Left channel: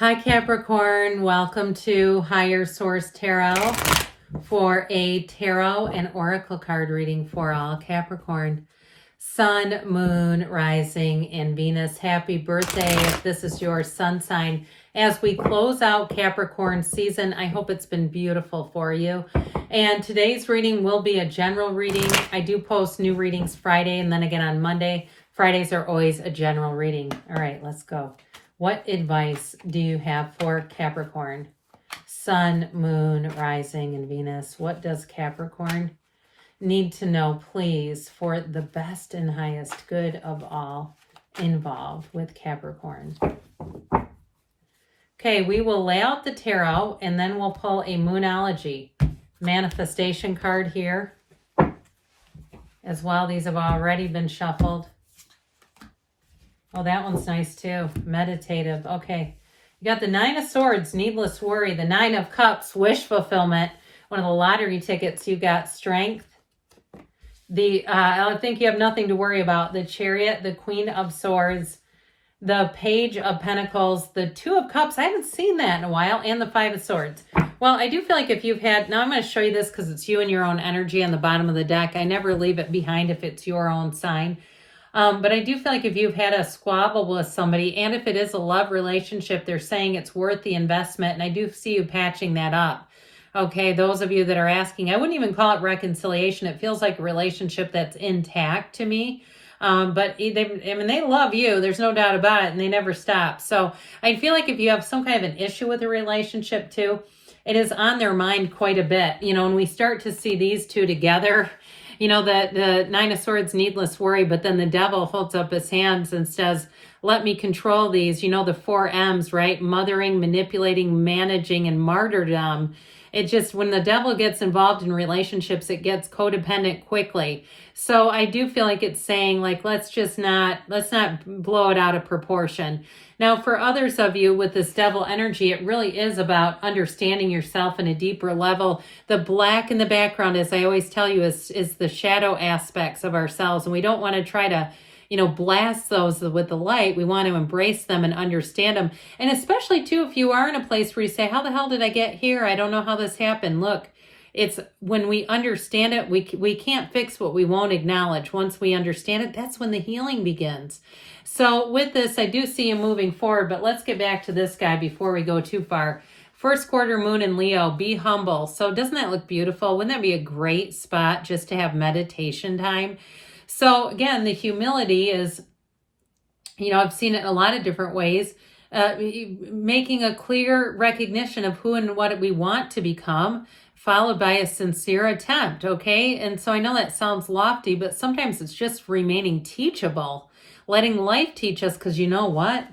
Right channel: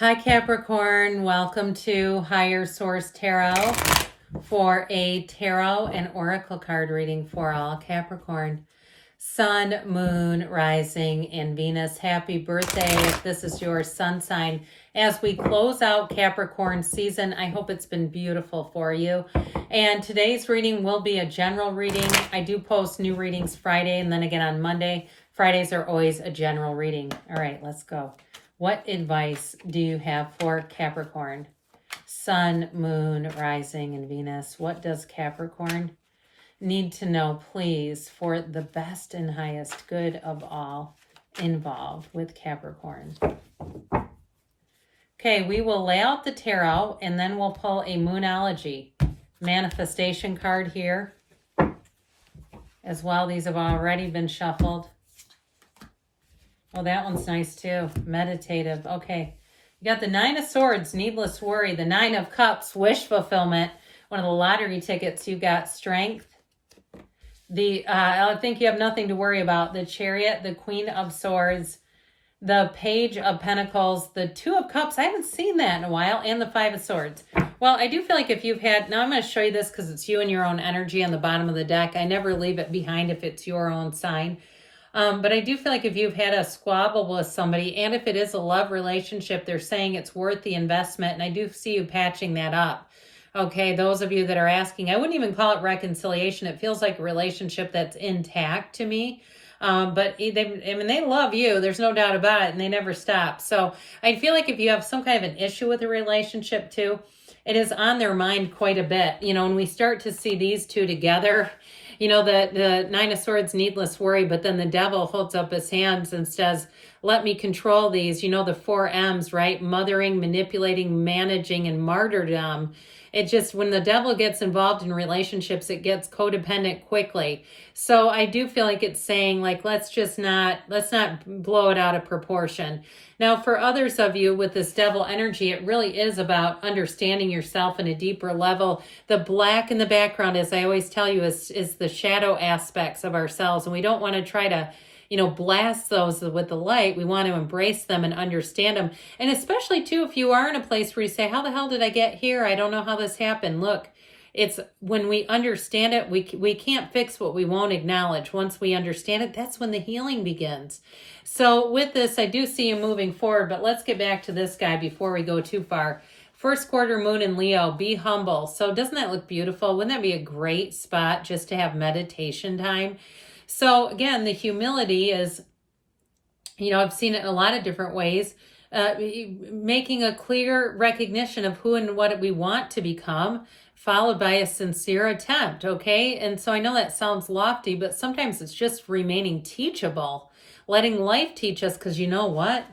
Hi Capricorn, welcome to Higher Source Tarot for a tarot and oracle card reading for all Capricorn. Sun, Moon, Rising, and Venus. Happy birthday if this is your sun sign. As we close out Capricorn season, I hope it's been beautiful for you. And today's reading will be a general reading. I do post new readings Friday and then again on Monday. Fridays are always a general reading. All right, let's go. What advice do you have for Capricorn? Sun, Moon, Rising, and Venus. What does Capricorn need to know, please, for the best and highest good of all involved with Capricorn? Okay, we will lay out the tarot and then we'll pull a Moonology manifestation card here as well. These have already been shuffled. Oh, that one's nice too. Meditative. Okay. You got the Nine of Swords, needless worry. The Nine of Cups, wish fulfillment. One of the lottery tickets, you got strength. I think you have nothing to worry about. The Chariot, the Queen of Swords, the Page of Pentacles, the Two of Cups. I haven't seen that in a while. And the Five of Swords. Well, I do feel like if you've had, now I'm going to show you this because it's you and your own energy on the bottom of the deck. I never leave it behind if it's your own sign. But I do feel like if you've had a squabble with somebody, and if it is a love relationship, they're saying it's worth the investment. And I do see you patching that up. Okay, those of you that are asking, I wouldn't even call it reconciliation. It feels like a relationship that's intact to me. But they love you. There's no doubt about it. And they never stop. So I feel like if you have some kind of an issue with a relationship too, it is on their mind quite a bit. You know, when we start to see these two together, you know, the Nine of Swords, needless worry, but then the devil holds up his hands and says, let me control these. You know, the 4 M's, right? Mothering, manipulating, managing, and martyrdom. It just, when the devil gets involved in relationships, it gets codependent quickly. So I do feel like it's saying, like, let's not blow it out of proportion. Now, for others of you with this devil energy, it really is about understanding yourself in a deeper level. The black in the background, as I always tell you, is the shadow aspects of ourselves. And we don't want to try to, you know, blast those with the light. We want to embrace them and understand them. And especially, too, if you are in a place where you say, how the hell did I get here? I don't know how this happened. Look, it's when we understand it, we can't fix what we won't acknowledge. Once we understand it, that's when the healing begins. So with this, I do see you moving forward, but let's get back to this guy before we go too far. First quarter moon in Leo, be humble. So doesn't that look beautiful? Wouldn't that be a great spot just to have meditation time? So again, the humility is, you know, I've seen it in a lot of different ways. Making a clear recognition of who and what we want to become, followed by a sincere attempt, okay? And so I know that sounds lofty, but sometimes it's just remaining teachable, letting life teach us, because you know what?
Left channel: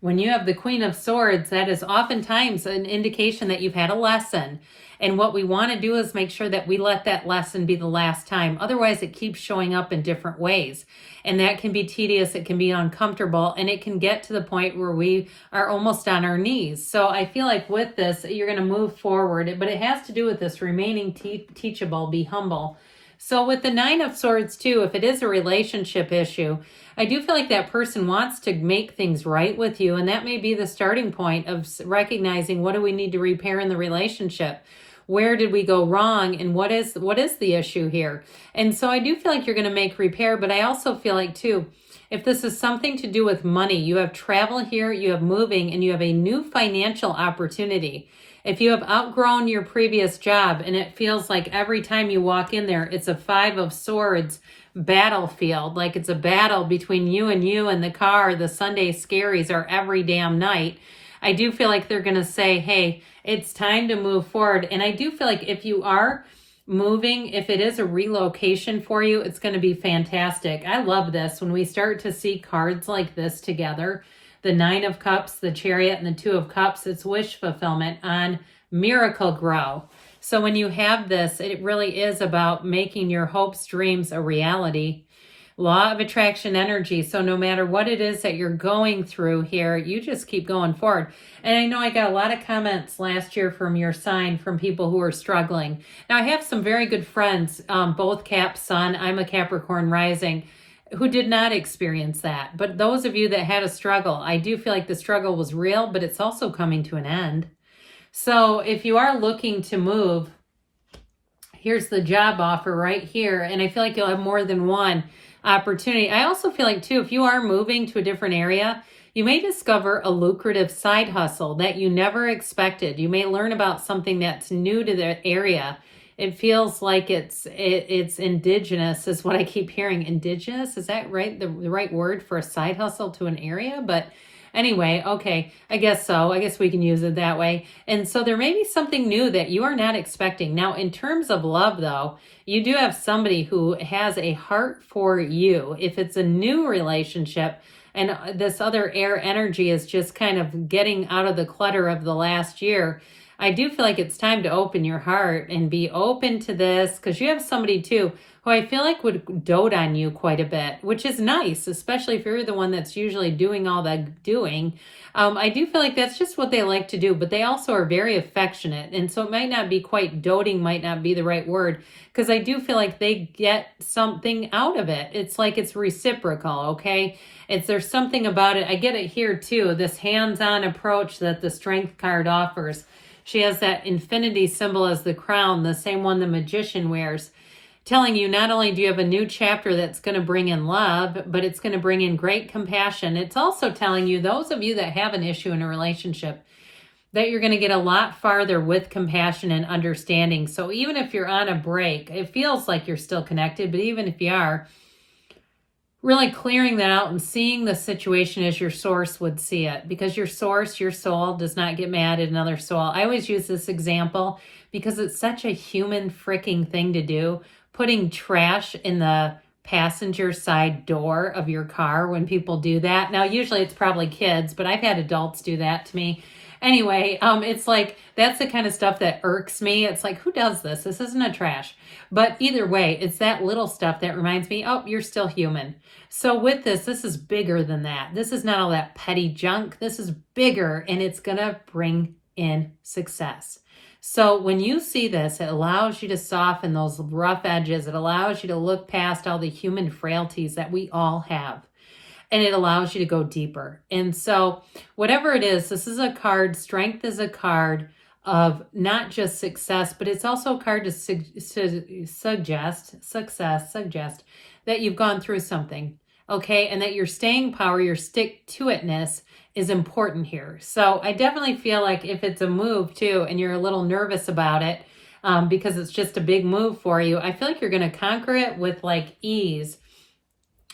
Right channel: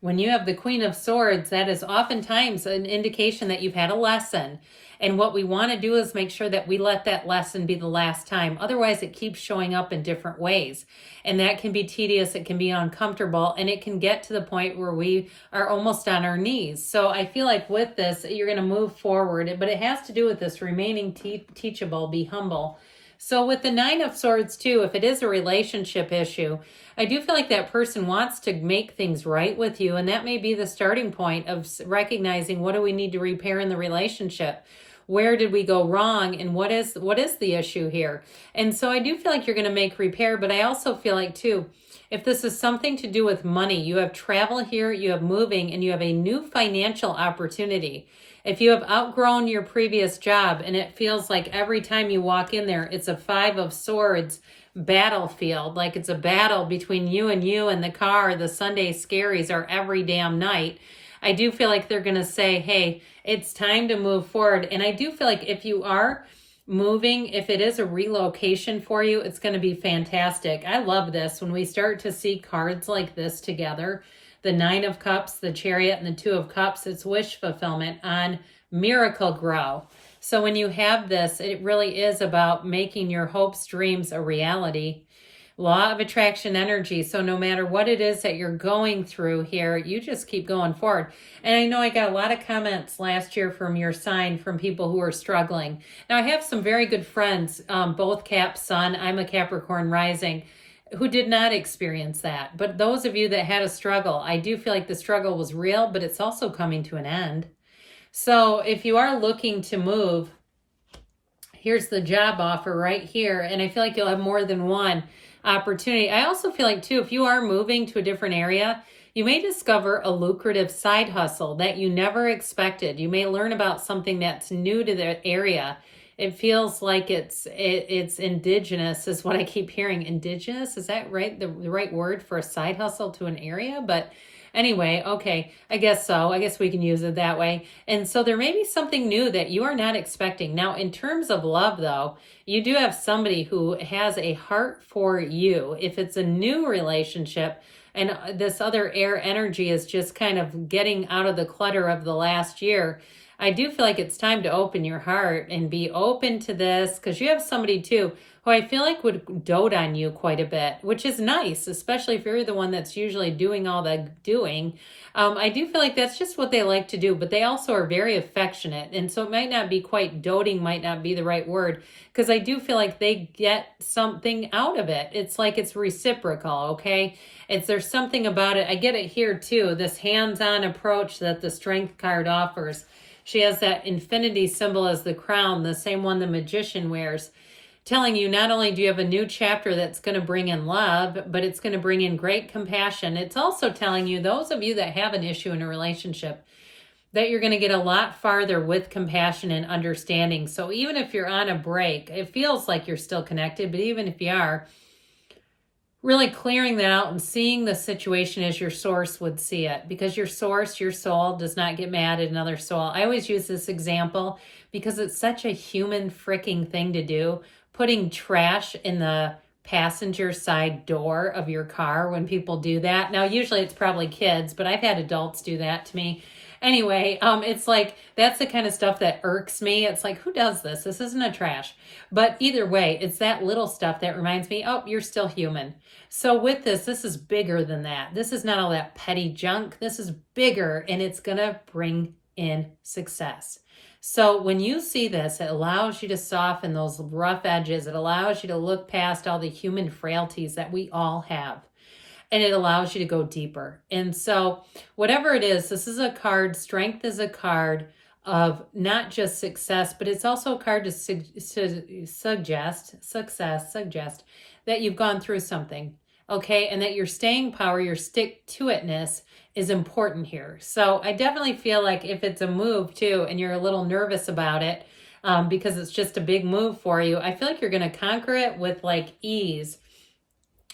When you have the Queen of Swords, that is oftentimes an indication that you've had a lesson. And what we want to do is make sure that we let that lesson be the last time. Otherwise, it keeps showing up in different ways. And that can be tedious, it can be uncomfortable, and it can get to the point where we are almost on our knees. So I feel like with this, you're going to move forward. But it has to do with this remaining teachable, be humble. So with the Nine of Swords too, if it is a relationship issue, I do feel like that person wants to make things right with you. And that may be the starting point of recognizing, what do we need to repair in the relationship? Where did we go wrong? And what is the issue here? And so I do feel like you're going to make repair, but I also feel like too, if this is something to do with money, you have travel here, you have moving, and you have a new financial opportunity. If you have outgrown your previous job and it feels like every time you walk in there, it's a 5 of Swords battlefield, like it's a battle between you and the car, the Sunday scaries are every damn night. I do feel like they're going to say, hey, it's time to move forward. And I do feel like if you are moving, if it is a relocation for you, it's going to be fantastic. I love this when we start to see cards like this together. The Nine of Cups, the Chariot, and the Two of Cups, it's wish fulfillment on Miracle Grow. So when you have this, it really is about making your hopes, dreams a reality. Law of attraction energy. So no matter what it is that you're going through here, you just keep going forward. And I know I got a lot of comments last year from your sign from people who are struggling. Now I have some very good friends, both Cap Sun. I'm a Capricorn rising. who did not experience that. But those of you that had a struggle, I do feel like the struggle was real, but it's also coming to an end. So if you are looking to move, here's the job offer right here. And I feel like you'll have more than one opportunity. I also feel like too, if you are moving to a different area, you may discover a lucrative side hustle that you never expected. You may learn about something that's new to the area. It feels like it's indigenous is what I keep hearing. Indigenous, is that right? The right word for a side hustle to an area? But anyway, okay, I guess so. I guess we can use it that way. And so there may be something new that you are not expecting. Now, in terms of love, though, you do have somebody who has a heart for you. If it's a new relationship, and this other air energy is just kind of getting out of the clutter of the last year, I do feel like it's time to open your heart and be open to this, because you have somebody too who I feel like would dote on you quite a bit, which is nice, especially if you're the one that's usually doing all the doing. I do feel like that's just what they like to do, but they also are very affectionate. And so it might not be quite doting, might not be the right word, because I do feel like they get something out of it. It's like it's reciprocal, okay? There's something about it. I get it here too, this hands-on approach that the Strength card offers. She has that infinity symbol as the crown, the same one the magician wears, telling you not only do you have a new chapter that's going to bring in love, but it's going to bring in great compassion. It's also telling you, those of you that have an issue in a relationship, that you're going to get a lot farther with compassion and understanding. So even if you're on a break, it feels like you're still connected, but even if you are, really clearing that out and seeing the situation as your source would see it, because your source, your soul, does not get mad at another soul. I always use this example because it's such a human freaking thing to do, putting trash in the passenger side door of your car when people do that. Now, usually it's probably kids, but I've had adults do that to me. Anyway, it's like, that's the kind of stuff that irks me. It's like, who does this? This isn't a trash. But either way, it's that little stuff that reminds me, oh, you're still human. So with this is bigger than that. This is not all that petty junk. This is bigger, and it's going to bring in success. So when you see this, it allows you to soften those rough edges. It allows you to look past all the human frailties that we all have. And it allows you to go deeper. And so whatever it is, this is a card. Strength is a card of not just success, but it's also a card to suggest that you've gone through something, okay? And that your staying power, your stick-to-itness is important here. So I definitely feel like if it's a move too, and you're a little nervous about it, because it's just a big move for you, I feel like you're going to conquer it with like ease.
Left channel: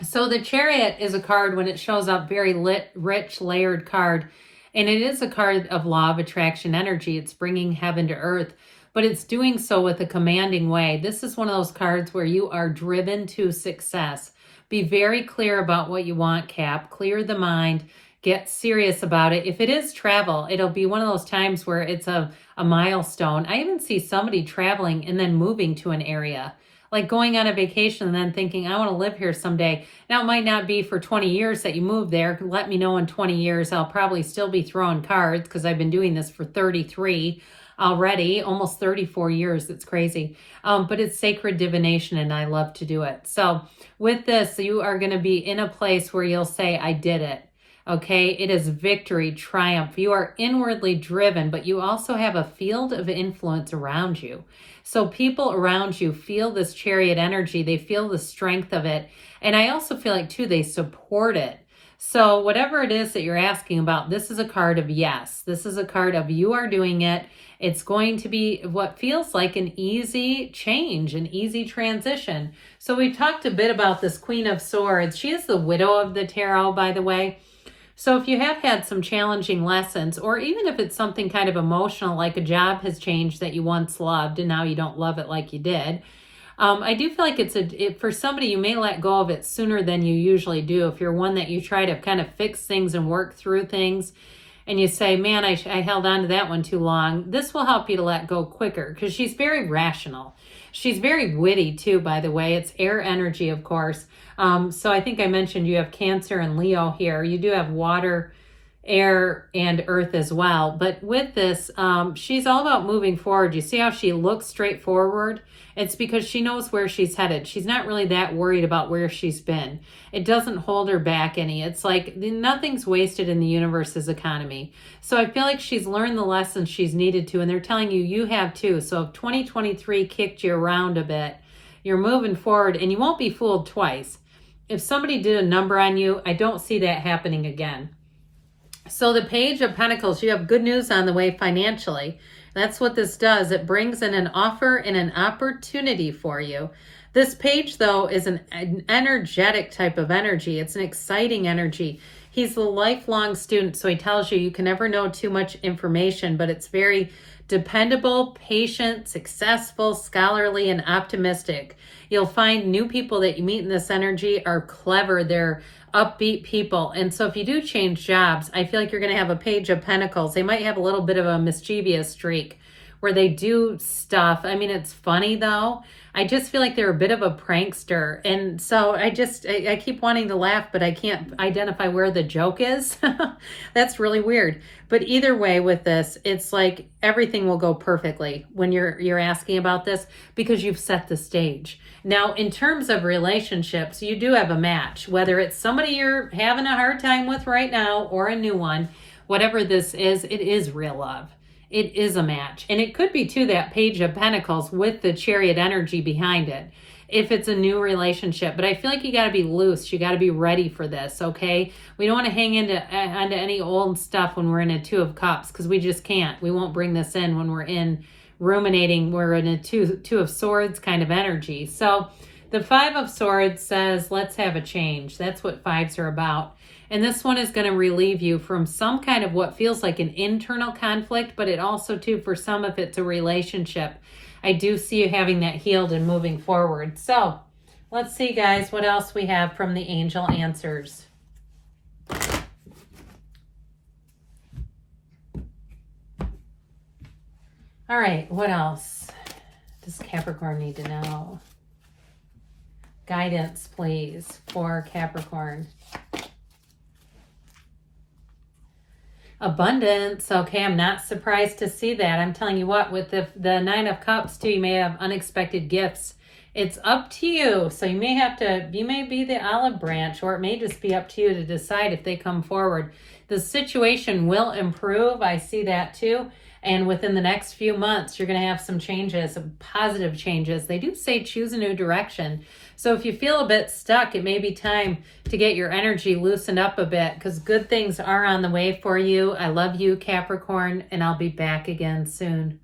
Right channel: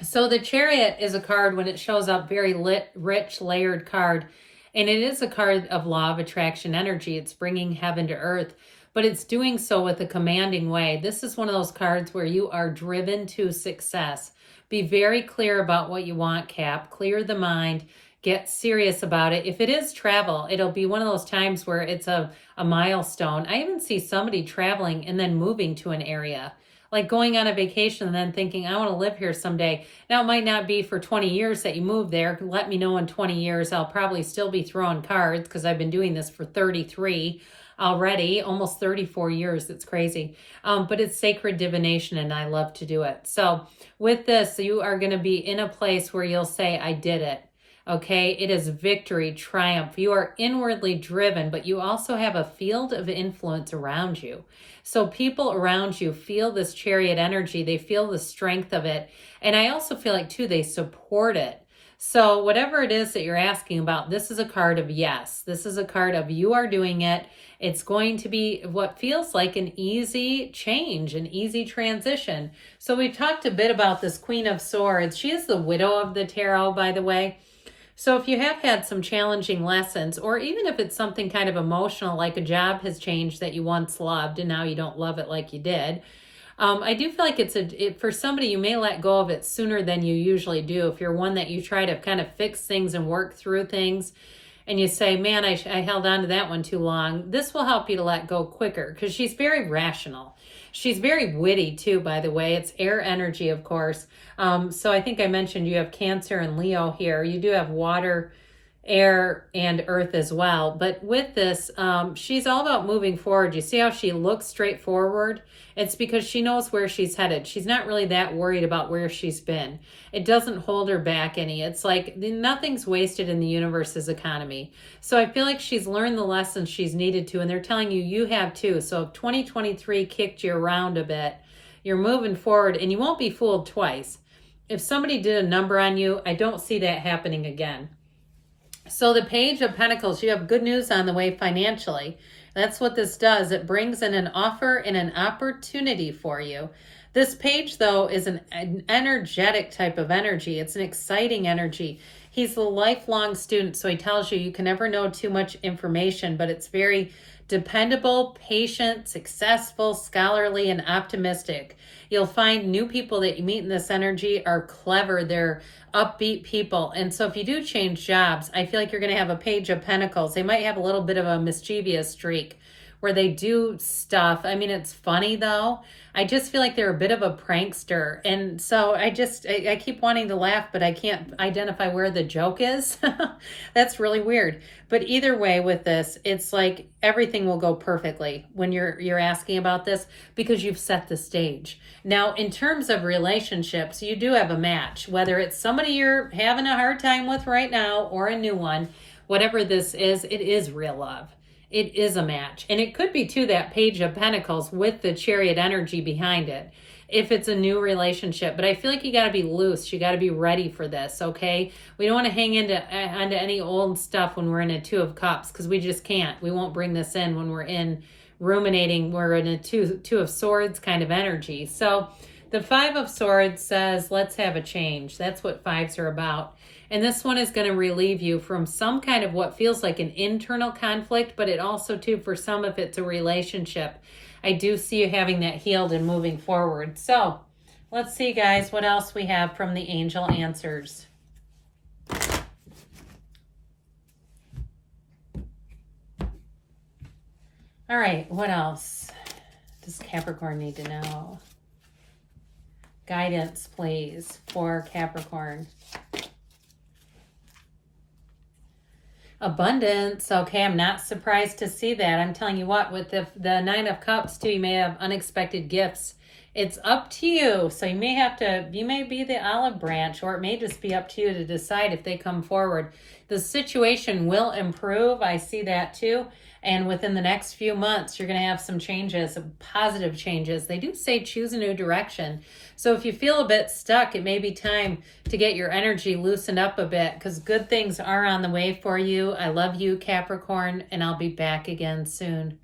So the Chariot is a card, when it shows up, very rich, layered card. And it is a card of law of attraction energy. It's bringing heaven to earth, but it's doing so with a commanding way. This is one of those cards where you are driven to success. Be very clear about what you want, Cap. Clear the mind. Get serious about it. If it is travel, it'll be one of those times where it's a milestone. I even see somebody traveling and then moving to an area, like going on a vacation and then thinking, I want to live here someday. Now, it might not be for 20 years that you move there. Let me know in 20 years. I'll probably still be throwing cards, because I've been doing this for 33 already, almost 34 years. It's crazy. But it's sacred divination, and I love to do it. So with this, you are going to be in a place where you'll say, I did it. Okay, it is victory, triumph. You are inwardly driven, but you also have a field of influence around you. So people around you feel this Chariot energy. They feel the strength of it. And I also feel like, too, they support it. So whatever it is that you're asking about, this is a card of yes. This is a card of you are doing it. It's going to be what feels like an easy change, an easy transition. So we talked a bit about this Queen of Swords. She is the widow of the tarot, by the way. So if you have had some challenging lessons, or even if it's something kind of emotional, like a job has changed that you once loved and now you don't love it like you did, I do feel like for somebody, you may let go of it sooner than you usually do. If you're one that you try to kind of fix things and work through things, and you say, man, I held on to that one too long, this will help you to let go quicker, because she's very rational. She's very witty too, by the way. It's air energy, of course. So I think I mentioned you have Cancer and Leo here. You do have water air and earth as well. But with this, she's all about moving forward. You see how she looks straight forward? It's because she knows where she's headed. She's not really that worried about where she's been. It doesn't hold her back any. It's like nothing's wasted in the universe's economy. So I feel like she's learned the lessons she's needed to, and they're telling you, you have too. So if 2023 kicked you around a bit, you're moving forward, and you won't be fooled twice. If somebody did a number on you, I don't see that happening again. So the Page of Pentacles, you have good news on the way financially. That's what this does. It brings in an offer and an opportunity for you. This page, though, is an energetic type of energy. It's an exciting energy. He's the lifelong student, so he tells you can never know too much information, but it's very dependable, patient, successful, scholarly, and optimistic. You'll find new people that you meet in this energy are clever. They're upbeat people. And so if you do change jobs, I feel like you're going to have a Page of Pentacles. They might have a little bit of a mischievous streak where they do stuff. I mean, it's funny though. I just feel like they're a bit of a prankster. And so I keep wanting to laugh, but I can't identify where the joke is. That's really weird. But either way with this, it's like everything will go perfectly when you're asking about this because you've set the stage. Now, in terms of relationships, you do have a match, whether it's somebody you're having a hard time with right now or a new one, whatever this is, it is real love. It is a match. And it could be, too, that Page of Pentacles with the Chariot energy behind it, if it's a new relationship. But I feel like you got to be loose. You got to be ready for this, okay? We don't want to hang onto any old stuff when we're in a Two of Cups because we just can't. We won't bring this in when we're in ruminating. We're in a two of Swords kind of energy. So the Five of Swords says, let's have a change. That's what fives are about. And this one is going to relieve you from some kind of what feels like an internal conflict, but it also, too, for some, if it's a relationship, I do see you having that healed and moving forward. So let's see, guys, what else we have from the angel answers. All right, what else does Capricorn need to know? Guidance, please, for Capricorn. Abundance. Okay, I'm not surprised to see that. I'm telling you what, with the Nine of Cups too, you may have unexpected gifts. It's up to you. So you may be the olive branch, or it may just be up to you to decide if they come forward. The situation will improve. I see that too. And within the next few months, you're going to have some changes, positive changes. They do say choose a new direction. So if you feel a bit stuck, it may be time to get your energy loosened up a bit because good things are on the way for you. I love you, Capricorn, and I'll be back again soon.